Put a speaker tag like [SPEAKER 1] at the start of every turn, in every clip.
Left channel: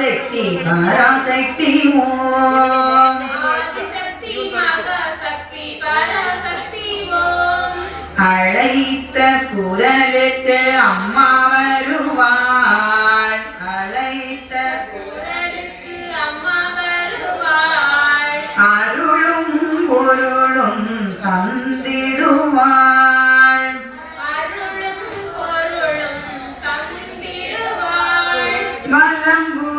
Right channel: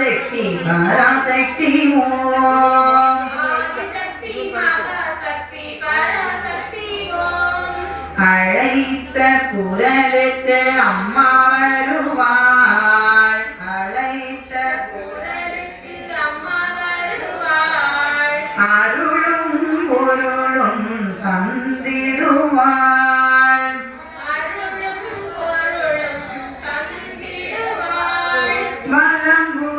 [SPEAKER 1] பராசக்தி
[SPEAKER 2] பராசக்தி ஓம்
[SPEAKER 1] அழைத்த குரலுக்கு அம்மா வருவாள் அழைத்த
[SPEAKER 2] குரலுக்கு அம்மா வருவாள்
[SPEAKER 1] அருளும் பொருளும் தந்திடுவாள்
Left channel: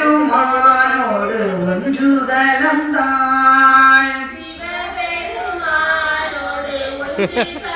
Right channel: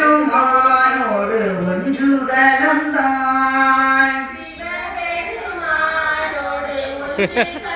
[SPEAKER 1] சிவபெருமானோடு ஒன்று கலந்தாள்
[SPEAKER 2] சிவபெருமானோடு ஒன்று